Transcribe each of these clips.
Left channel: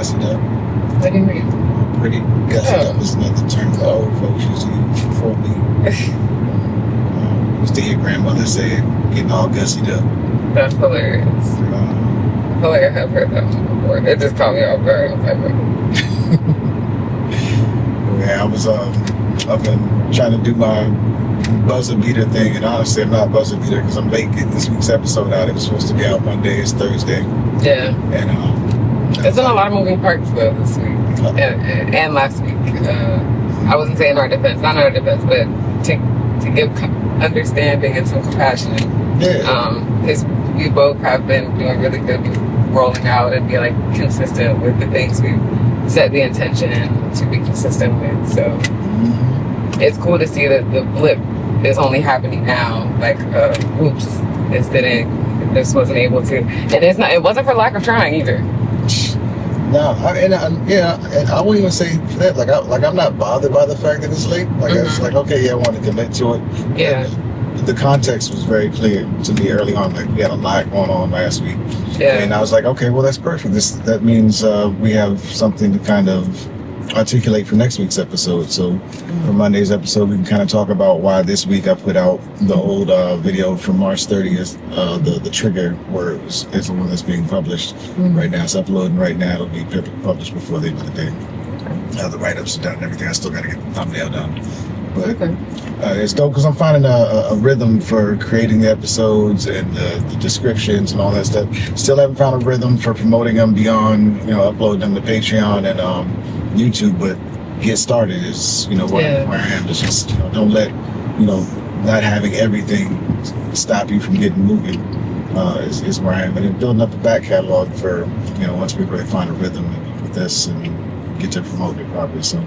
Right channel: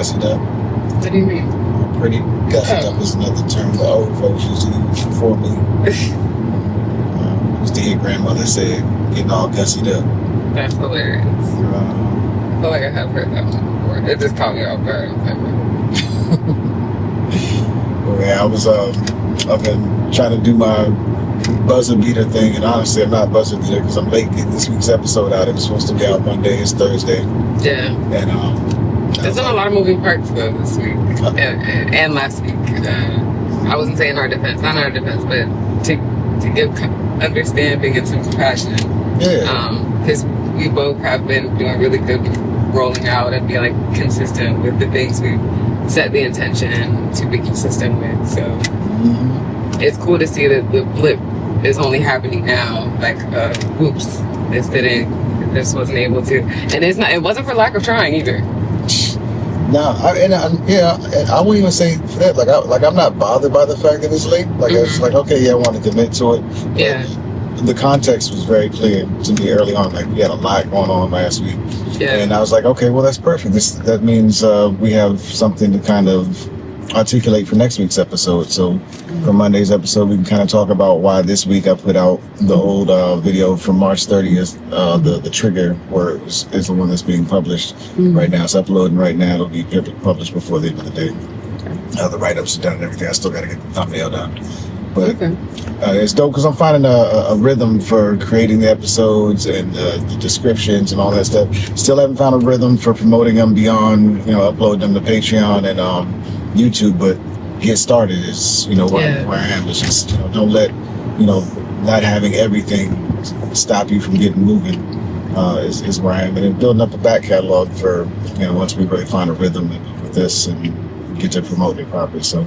gussied up. What do you mean? Pretty gussied up is another term the old folks used to use before me. Used to hear grandmother say, getting all gussied up. That's hilarious. I feel like I have heard that one before. It just caught me off guard. Yeah, I was I've been trying to do my buzzer beater thing, and honestly, I'm not buzzer beater because I'm late getting this week's episode out. It was supposed to be out Monday. It's Thursday. Yeah. And there's been a lot of moving parts though this week and last week. I wasn't saying our defense, not our defense, but to give understanding and some compassion. Yeah. Because we both have been doing really good rolling out and being like consistent with the things we set the intention to be consistent with. So it's cool to see that the blip is only happening now. Like, oops, this wasn't able to, and it wasn't for lack of trying either. No, and I won't even say that. Like I'm not bothered by the fact that it's late. Like I was like, okay, yeah, I want to commit to it. Yeah. The context was very clear to me early on. Like we had a lot going on last week, and I was like, okay, well that's perfect. That means we have something to kind of articulate for next week's episode. So for Monday's episode, we can kind of talk about why this week I put out the old video from March 30th. The trigger words is the one that's being published right now. It's uploading right now. It'll be published before the end of the day. The write-ups are done and everything. I still got to get the thumbnail done. But it's dope because I'm finding a rhythm for creating the episodes and the descriptions and all that stuff. Still haven't found a rhythm for promoting them beyond, uploading them to Patreon and YouTube, but get started is, where I am. It's just, don't let, not having everything stop you from getting moving is where I am. And then building up a back catalog for, once we really find a rhythm with this and get to promote it properly. So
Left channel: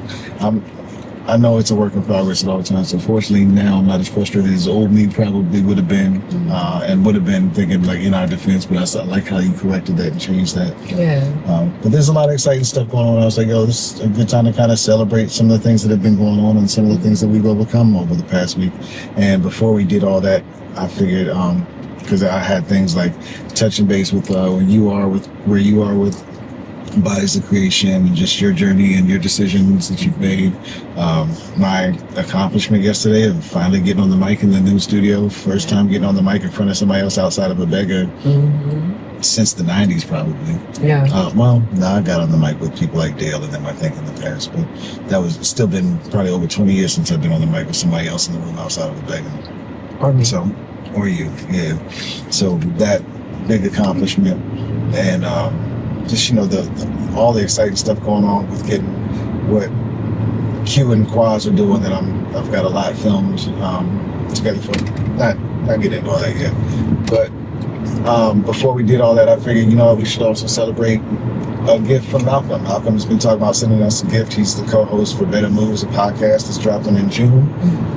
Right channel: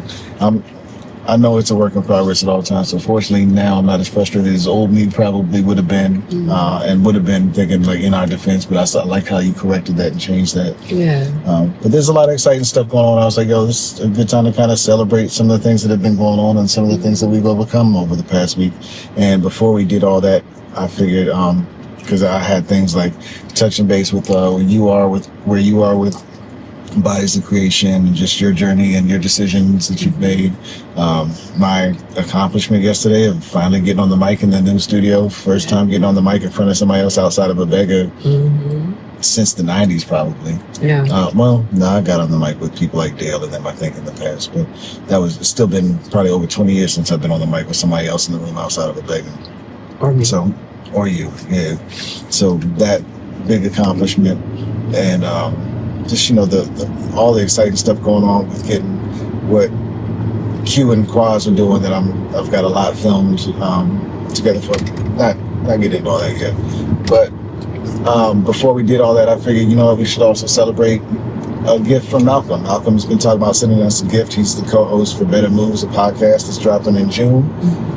I know it's a work in progress at all times. So fortunately now I'm not as frustrated as old me probably would have been, and would have been thinking like in our defense, but I like how you corrected that and changed that. Yeah. But there's a lot of exciting stuff going on. I was like, this is a good time to kind of celebrate some of the things that have been going on and some of the things that we've overcome over the past week. And before we did all that, I figured, because I had things like touching base with where you are with Bodies of Creation and just your journey and your decisions that you've made. My accomplishment yesterday of finally getting on the mic in the new studio. First time getting on the mic in front of somebody else outside of a beggar since the 90s probably. Yeah. I got on the mic with people like Dale and them, I think, in the past, but it's still been probably over 20 years since I've been on the mic with somebody else in the room outside of a beggar. Or you, yeah. So that big accomplishment and just all the exciting stuff going on with getting what Q and Quaz are doing that I've got a lot filmed together for. Not getting into all that yet, but before we did all that, I figured we should also celebrate a gift from Malcolm. Malcolm's been talking about sending us a gift. He's the co-host for Better Moves, a podcast that's dropping in June,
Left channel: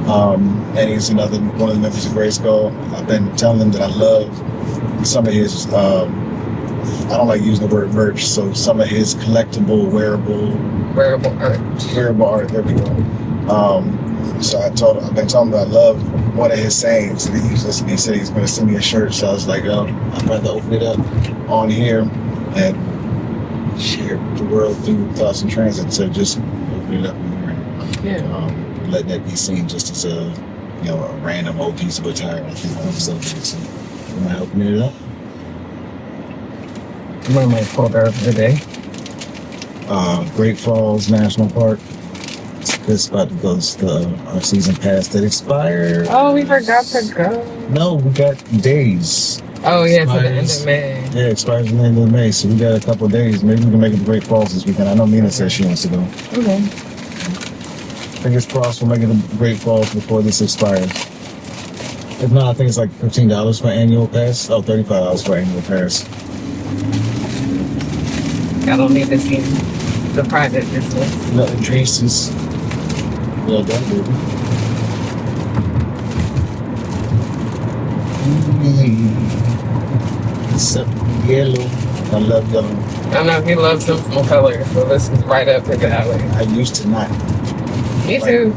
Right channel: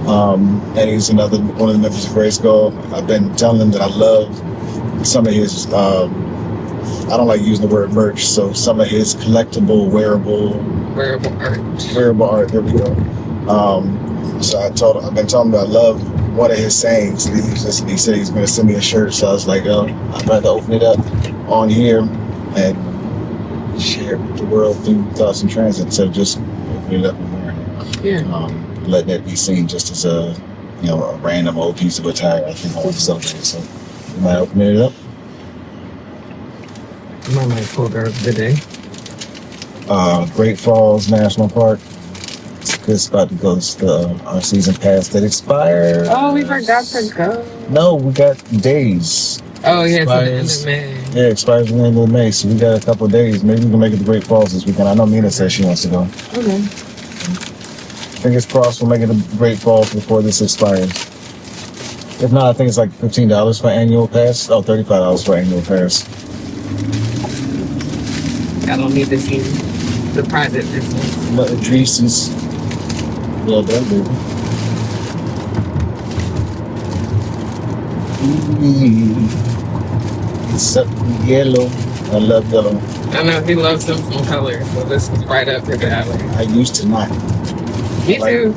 and he's one of the members of Grace Gold. I've been telling him that I love some of his. I don't like using the word merch, so some of his collectible, wearable art. There we go. So I've been telling him that I love one of his sayings that he uses, and he said he's going to send me a shirt. So I was like, I'd rather open it up on here and share the world through thoughts and transit instead of just opening it up and wearing it. Letting it be seen just as a random old piece of attire. I think I want to celebrate. So am I opening it up? I might pull her up today. Great Falls National Park. It's about to go to our season pass that expired. Oh, we forgot to go. No, we got days. Oh, yeah, it's the end of May. Yeah, it expires in the end of May, so we got a couple of days. Maybe we can make it to Great Falls this weekend. I know Mina said she wants to go. Okay. Fingers crossed we'll make it to Great Falls before this expires. If not, I think it's like $15 for annual pass. Oh, $35 for annual pass. I don't need to see the private this one. But Idris is well done, movie. It's yellow. I love yellow. I know he loves some color, so this is right up his alley. I used to not. Me too.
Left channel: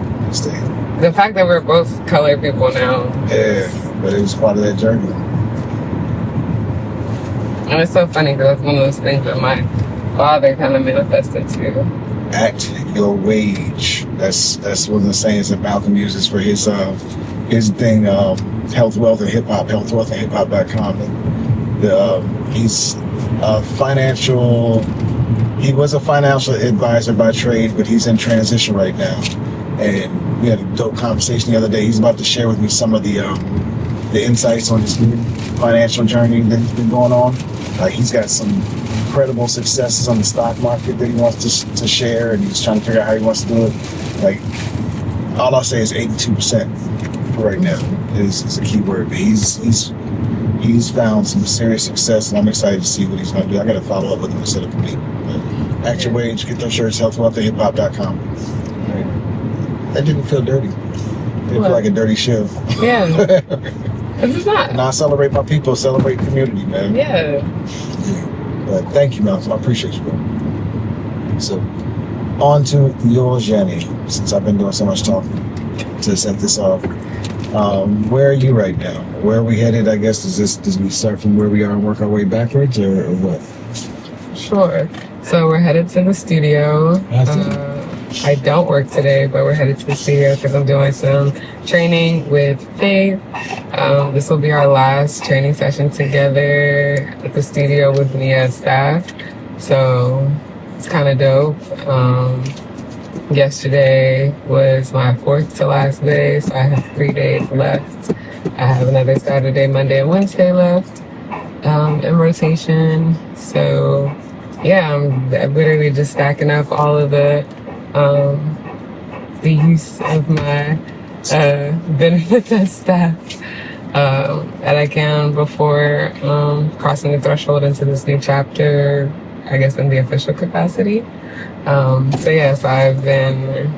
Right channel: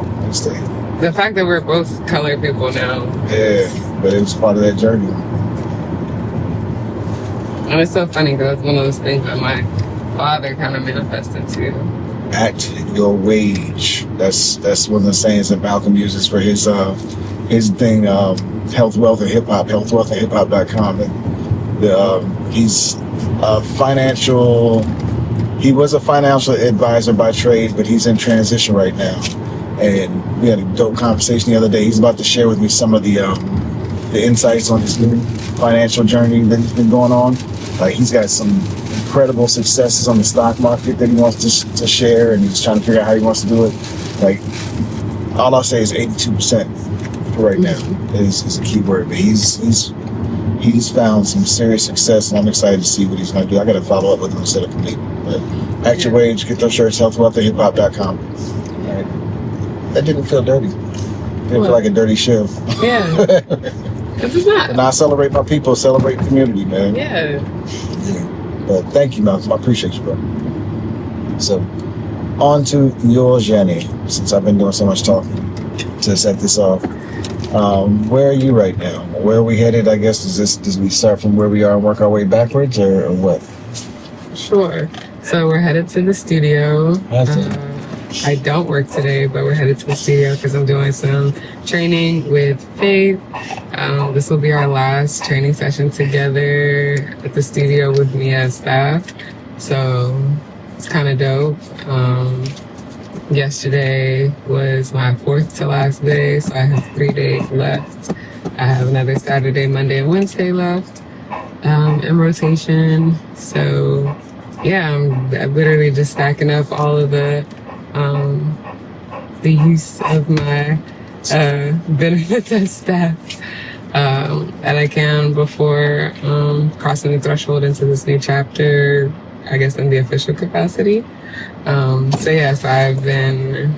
The fact that we're both color people now. Yeah, but it was part of that journey. And it's so funny because it's one of those things that my father kind of manifested too. At your wage. That's one of the sayings that Malcolm uses for his thing, health, wealth, and hip hop, healthwealthandhiphop.com. And he's a financial. He was a financial advisor by trade, but he's in transition right now. And we had a dope conversation the other day. He's about to share with me some of the insights on this new financial journey that's been going on. Like, he's got some incredible successes on the stock market that he wants to share, and he's trying to figure out how he wants to do it. Like, all I'll say is 82% for right now is a key word. But he's found some serious success, and I'm excited to see what he's going to do. I got to follow up with him and set up a meeting. But at your wage, get those shirts, healthwealthandhiphop.com. All right. That didn't feel dirty. Didn't feel like a dirty show. Yeah. It's not. And I celebrate my people, celebrate community, man. Yeah. But thank you, Malcolm. I appreciate you, bro. So, on to yours, Yani, since I've been doing so much talking to set this off. Where are you right now? Where are we headed? I guess, does we start from where we are and work our way backwards, or what? Sure. So we're headed to the studio. I don't work today, but we're headed to the studio because I'm doing some training with Faith. This will be our last training session together at the studio with me as staff. So it's kind of dope. Yesterday was my 4th to last day, so I have 3 days left. I have another Saturday, Monday, and Wednesday left in rotation. So yeah, I'm literally just stacking up all of the use of my benefits as staff that I can before crossing the threshold into this new chapter, I guess in the official capacity. So yes, I've been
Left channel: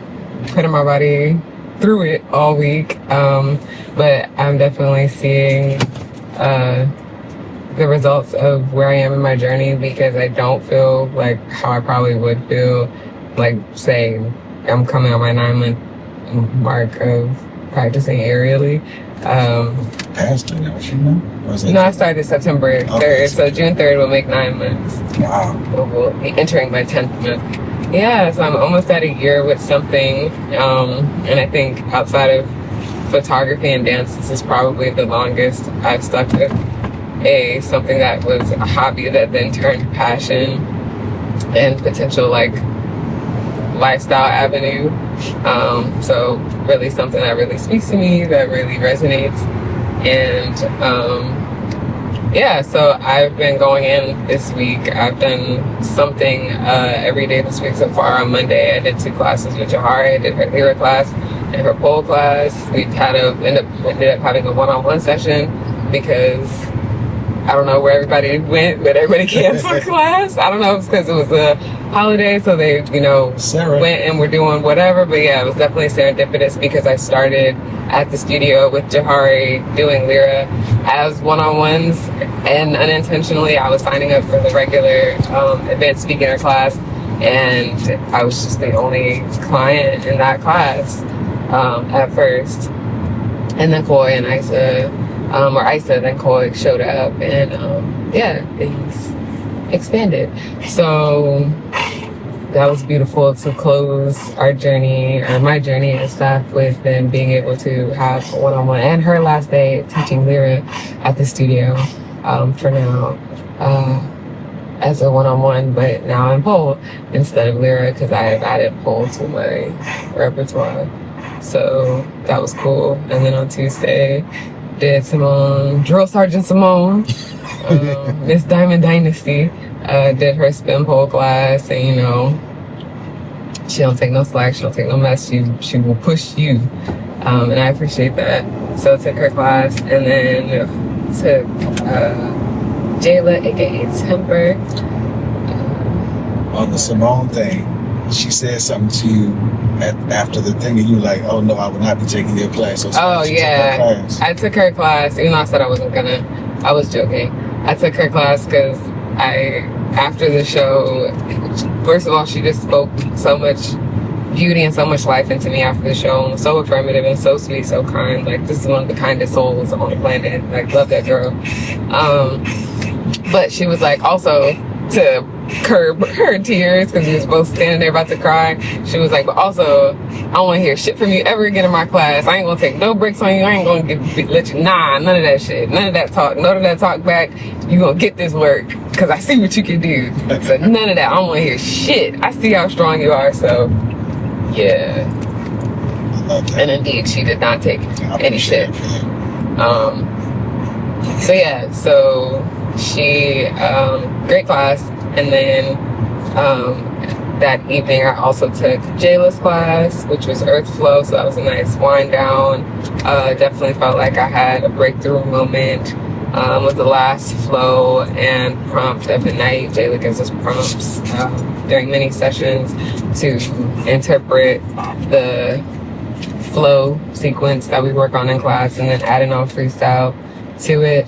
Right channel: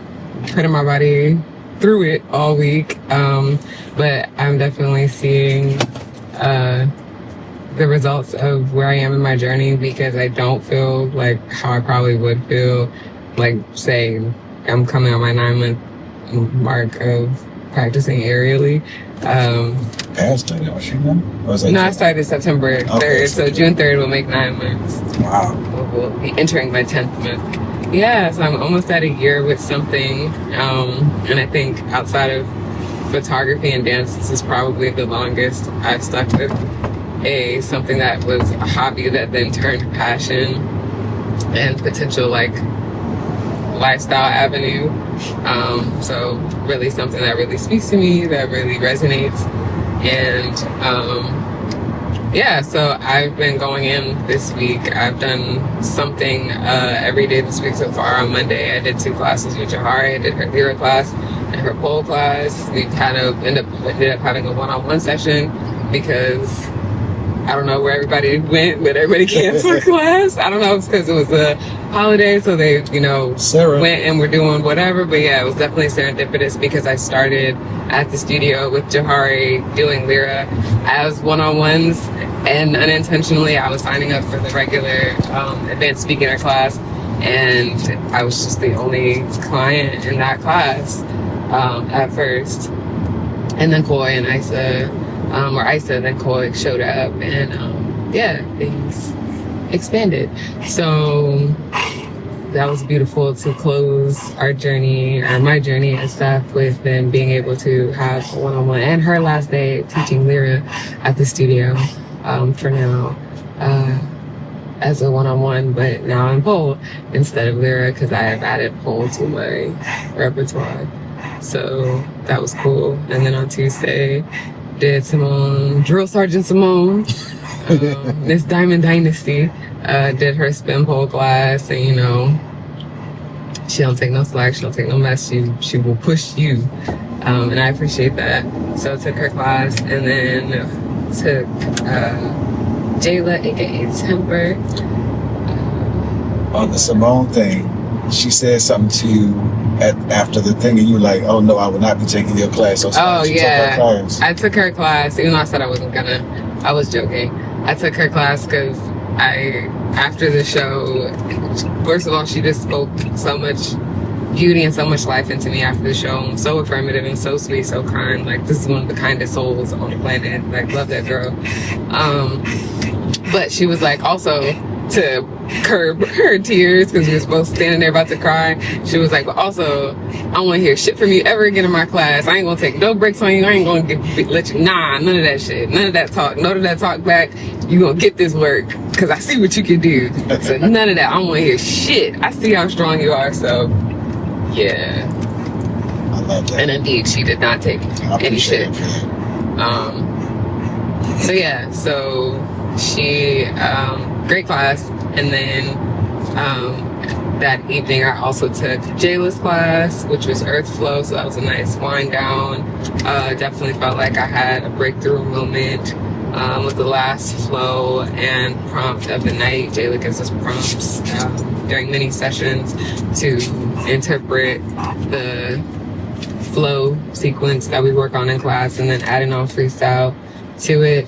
putting my body through it all week, but I'm definitely seeing the results of where I am in my journey, because I don't feel like how I probably would feel like, say, I'm coming on my 9-month mark of practicing aerially. Past that, you know? No, I started September 3rd, so June 3rd will make 9 months. Wow. We'll be entering my 10th month. Yeah, so I'm almost at a year with something, and I think outside of photography and dance, this is probably the longest I've stuck with something that was a hobby that then turned passion and potential like lifestyle avenue. So really something that really speaks to me, that really resonates. And yeah, so I've been going in this week. I've done something every day this week so far. On Monday, I did 2 classes with Jahari. I did her lyric class and her pole class. We ended up having a one-on-one session because I don't know where everybody went, but everybody canceled class. I don't know if it's because it was a holiday, so they, went and were doing whatever. But yeah, it was definitely serendipitous because I started at the studio with Jahari doing Lyra as one-on-ones, and unintentionally I was signing up for the regular advanced beginner class, and I was just the only client in that class at first. And then Koi and Isa, then Koi showed up, and yeah, things expanded. So that was beautiful to close our journey, and my journey and stuff, with then being able to have a one-on-one, and her last day teaching Lyra at the studio for now as a one-on-one, but now in pole instead of Lyra because I have added pole to my repertoire. So that was cool. And then on Tuesday, did Symone, Drill Sergeant Symone, Miss Diamond Dynasty, did her spin pole class, and she don't take no slack, she don't take no mess, she will push you, and I appreciate that. So I took her class, and then took Jayla, aka Temper. On the Symone thing, she said something to you after the thing, and you like, oh no, I will not be taking your class. So yeah, I took her class, even though I said I wasn't gonna. I was joking. I took her class because after the show, first of all, she just spoke so much beauty and so much life into me after the show, and was so affirmative and so sweet, so kind. Like, this is one of the kindest souls on the planet. Like, love that girl. But she was like, also, to curb her tears because we was both standing there about to cry. She was like, but also, I don't want to hear shit from you ever again in my class. I ain't gonna take no breaks on you. I ain't gonna let you, none of that shit. None of that talk back. You gonna get this work because I see what you can do. So none of that. I don't want to hear shit. I see how strong you are. So yeah. I love that. And indeed, she did not take any shit. So yeah, so she, great class. And then that evening I also took Jayla's class, which was Earthflow. So that was a nice wind down. Definitely felt like I had a breakthrough moment with the last flow and prompt of the night. Jayla gives us prompts during mini sessions to interpret the flow sequence that we work on in class and then adding on freestyle to it.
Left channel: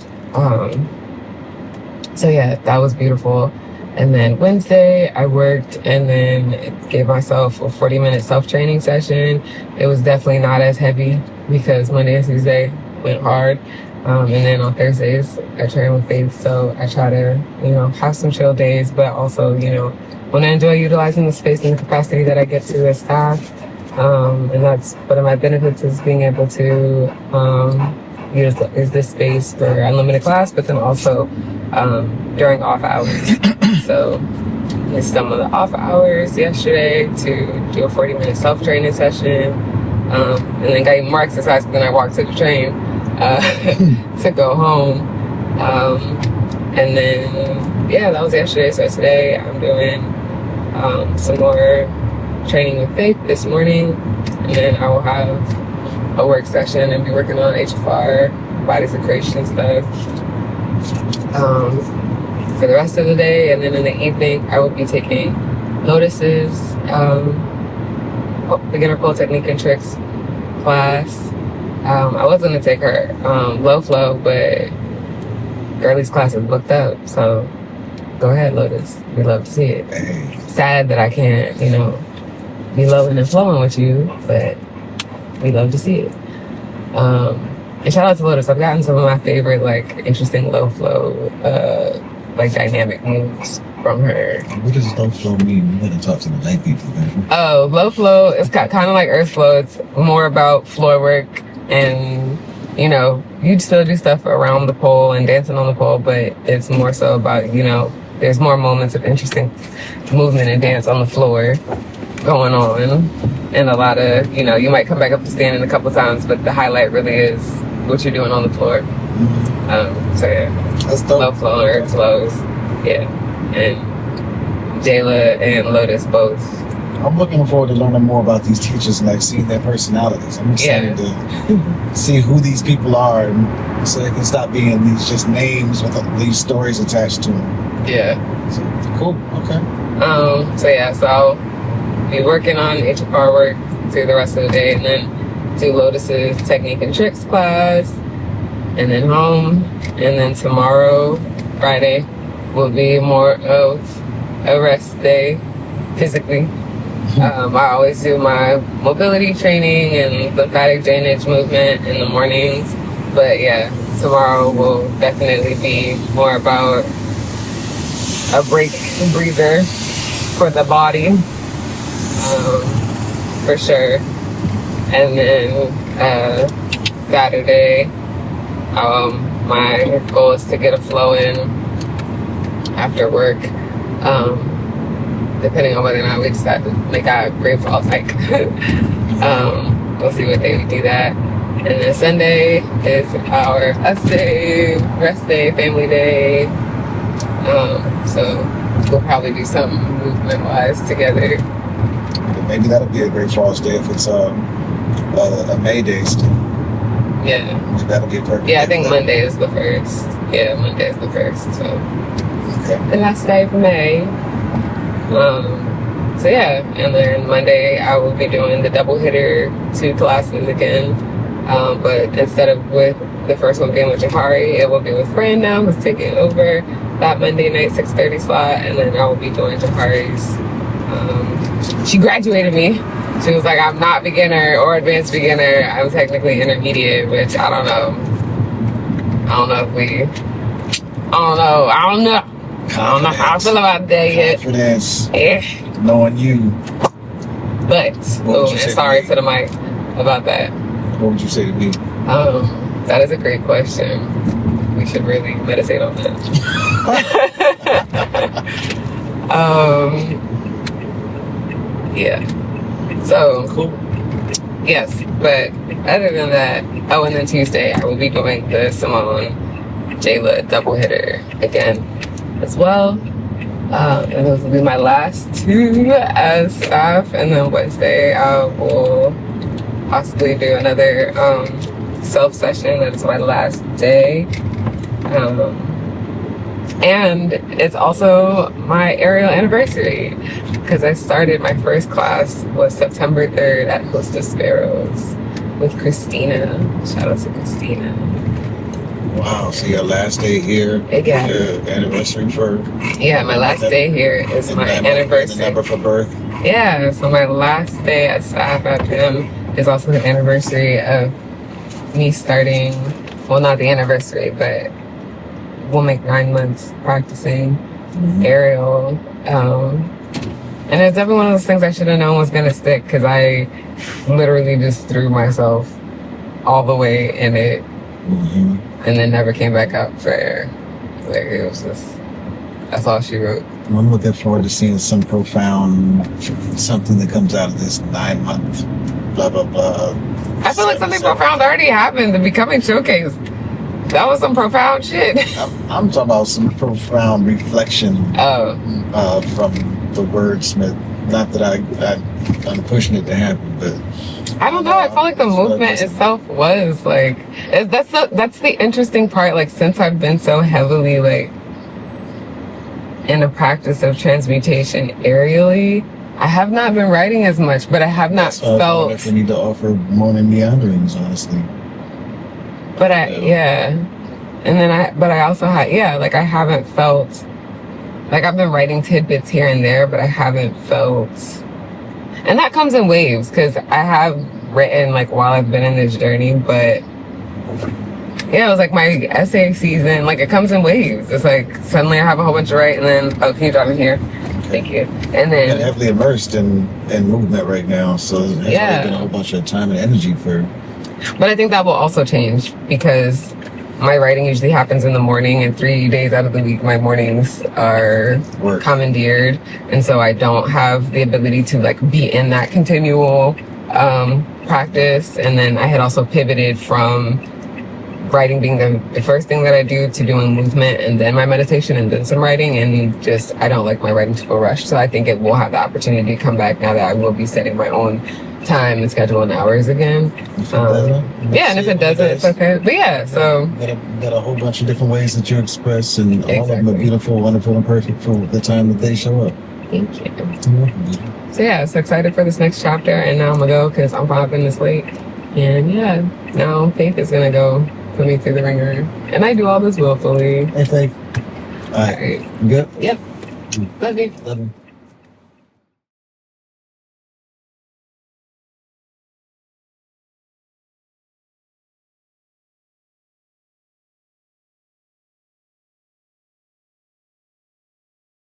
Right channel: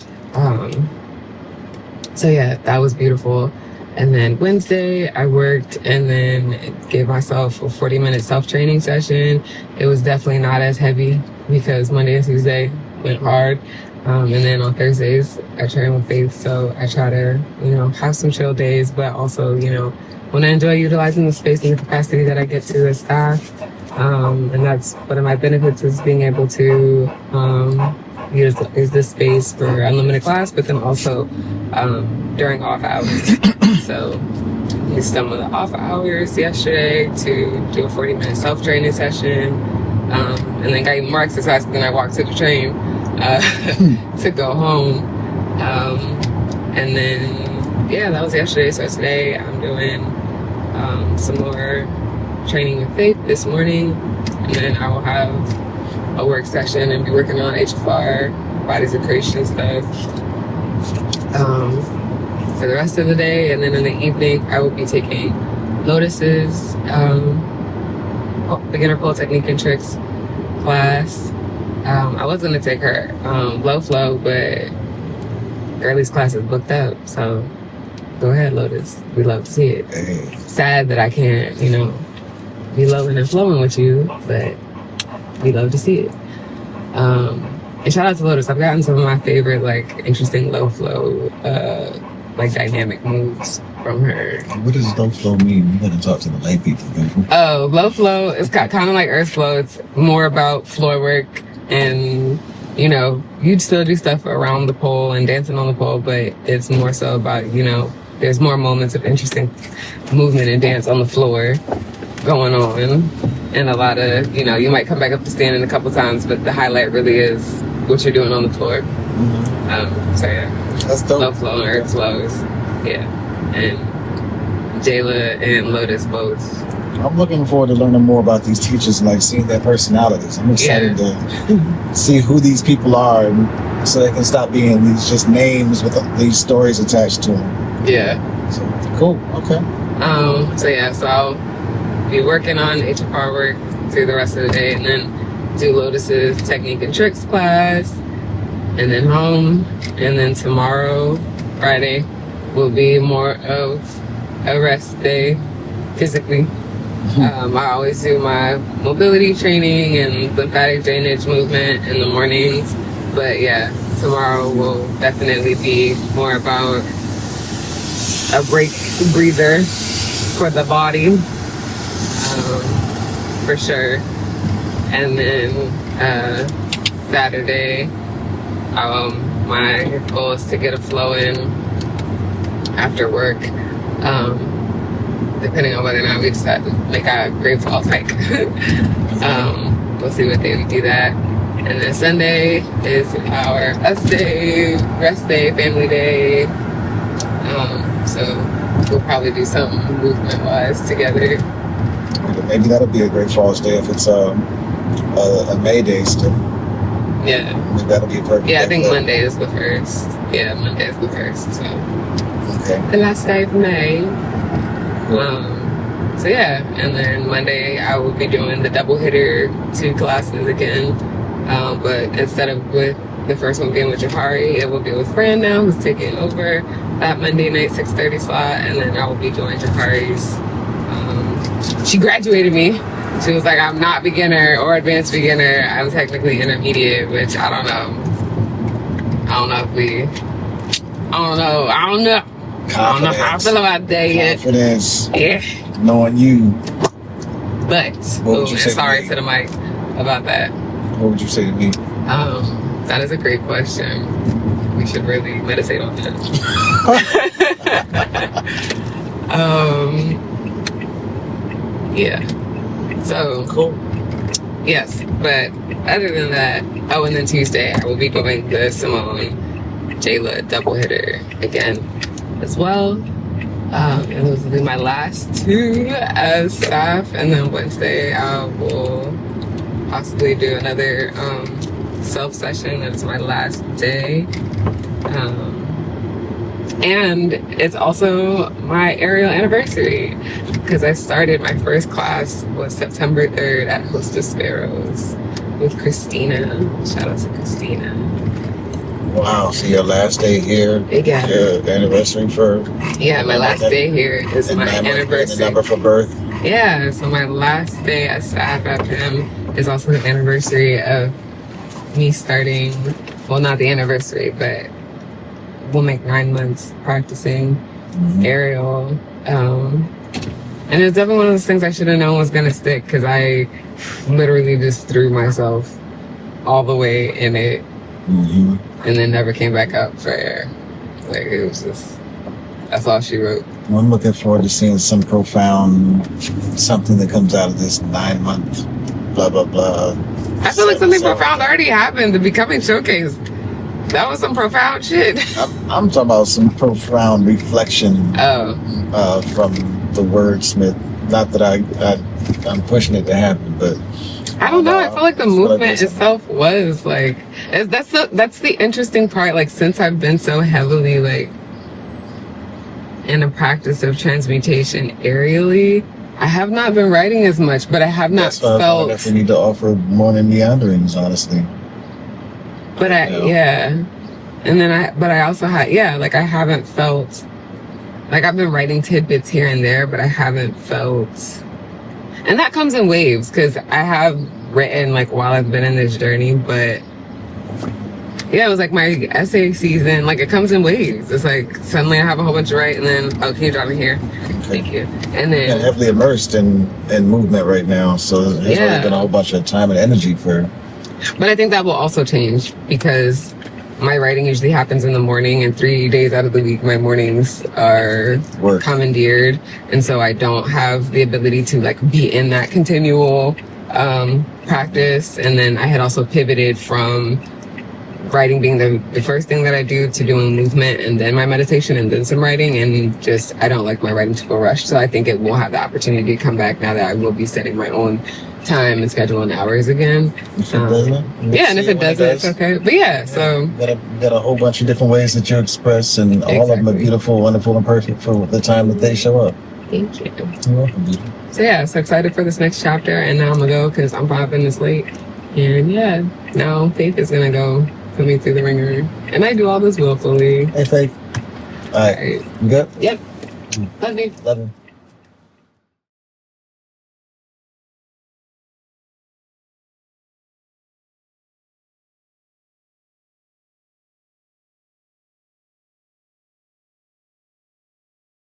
So yeah, that was beautiful. And then Wednesday I worked and then gave myself a 40-minute self-training session. It was definitely not as heavy because Monday and Tuesday went hard. And then on Thursdays I train with Faith, so I try to, have some chill days, but also, want to enjoy utilizing the space and the capacity that I get to as staff. And that's one of my benefits, is being able to use this space for unlimited class, but then also during off hours. So used some of the off hours yesterday to do a 40-minute self-training session, and then got even more exercise, and then I walked to the train to go home. And then yeah, that was yesterday. So today I'm doing some more training with Faith this morning, and then I will have a work session and be working on HFR, bodies of creation stuff for the rest of the day. And then in the evening I will be taking Lotus's beginner pole technique and tricks class. I was going to take her low flow, but Girlie's class is booked up, so go ahead, Lotus. We love to see it. Hey. Sad that I can't, be loving and flowing with you, but we love to see it. And shout out to Lotus. I've gotten some of my favorite, interesting low flow, dynamic moves from her. What does low flow mean? You gotta talk to the lay people, man. Oh, low flow is kind of like Earthflow. It's more about floor work, and you'd still do stuff around the pole and dancing on the pole, but it's more so about, there's more moments of interesting movement and dance on the floor going on, and a lot of, you might come back up to standing a couple times, but the highlight really is what you're doing on the floor. So yeah, That's dope. low flow, earth flows, yeah, and Jayla and Lotus both. I'm looking forward to learning more about these teachers and seeing their personalities. I'm excited to see who these people are, and so they can stop being these just names with these stories attached to them. Yeah. So, cool. Okay. So I'll be working on HFR work through the rest of the day, and then do Lotus's technique and tricks class, and then home. And then tomorrow, Friday, will be more of a rest day physically. I always do my mobility training and lymphatic drainage movement in the mornings, but yeah, tomorrow will definitely be more about a breather for the body, for sure. And then Saturday, my goal is to get a flow in after work, depending on whether or not we decide to make a great fall hike. We'll see what day we do that. And then Sunday is our us day, rest day, family day. So we'll probably do something movement-wise together. Maybe that'll be a great Falls Day if it's a May Day still. Yeah. That'll be a perfect. Yeah, I think Monday is the first. Yeah, Monday is the first. So Okay. the last day of May. So yeah, and then Monday I will be doing the double hitter 2 classes again. But instead of with the first one being with Jahari, it will be with Fran now, who's taking over that Monday night 6:30 slot, and then I will be doing Jahari's. She graduated me. She was like, I'm not beginner or advanced beginner. I'm technically intermediate, which I don't know. I don't know. I don't know how I feel about that yet. Confidence. Yeah. Knowing you. But, and sorry to the mic about that. What would you say to me? That is a great question. We should really meditate on that. Yeah. So, Cool. yes, but other than that, and then Tuesday I will be doing the Symone Jayla double hitter again as well. And those will be my last 2 as staff, and then Wednesday I will possibly do another self session. That's my last day. And it's also my aerial anniversary, because I started my first class was September 3rd at Hostess Sparrows with Christina. Shout out to Christina. Wow, so your last day here, Yeah. your anniversary for... Yeah, my last day here is my anniversary. The number for birth. Yeah, so my last day as staff at them is also the anniversary of me starting, well, not the anniversary, but we'll make 9 months practicing aerial. And it's definitely one of those things I should have known was going to stick, because I literally just threw myself all the way in it and then never came back up for air. Like, it was just, that's all she wrote. Well, I'm looking forward to seeing some profound, something that comes out of this 9-month, blah, blah, blah. I feel like something profound already happened. The Becoming Showcase. That was some profound shit. I'm talking about some profound reflection from the wordsmith. Not that I'm pushing it to happen, but I don't know. I feel like the movement itself was like, that's the interesting part. Like, since I've been so heavily like in the practice of transmutation aerially, I have not been writing as much, but I have not felt. I need to offer more than meanderings, honestly. But and then I also had, like, I haven't felt, like, I've been writing tidbits here and there, but I haven't felt, and that comes in waves, because I have written, like, while I've been in this journey, but it was like my essay season, like, it comes in waves. It's like, suddenly I have a whole bunch to write, and then, can you drop me here? Thank you. And then... I'm heavily immersed in movement right now, so there's already been a whole bunch of time and energy for... But I think that will also change, because my writing usually happens in the morning, and 3 days out of the week, my mornings are commandeered. And so I don't have the ability to, like, be in that continual practice. And then I had also pivoted from writing being the first thing that I do to doing movement and then my meditation and then some writing, and just, I don't like my writing to go rushed. So I think it will have the opportunity to come back now that I will be setting my own time and schedule and hours again. And if it doesn't, it's okay. But so you got a whole bunch of different ways that you express, and all of them are beautiful, wonderful, and perfect for the time that they show up. Thank you. So so excited for this next chapter, and now I'm gonna go because I'm 5 minutes late. And now Faith is gonna go put me through the ringer, and I do all this willfully. Hey Faith. All right. You good? Yep. Love you. Love you.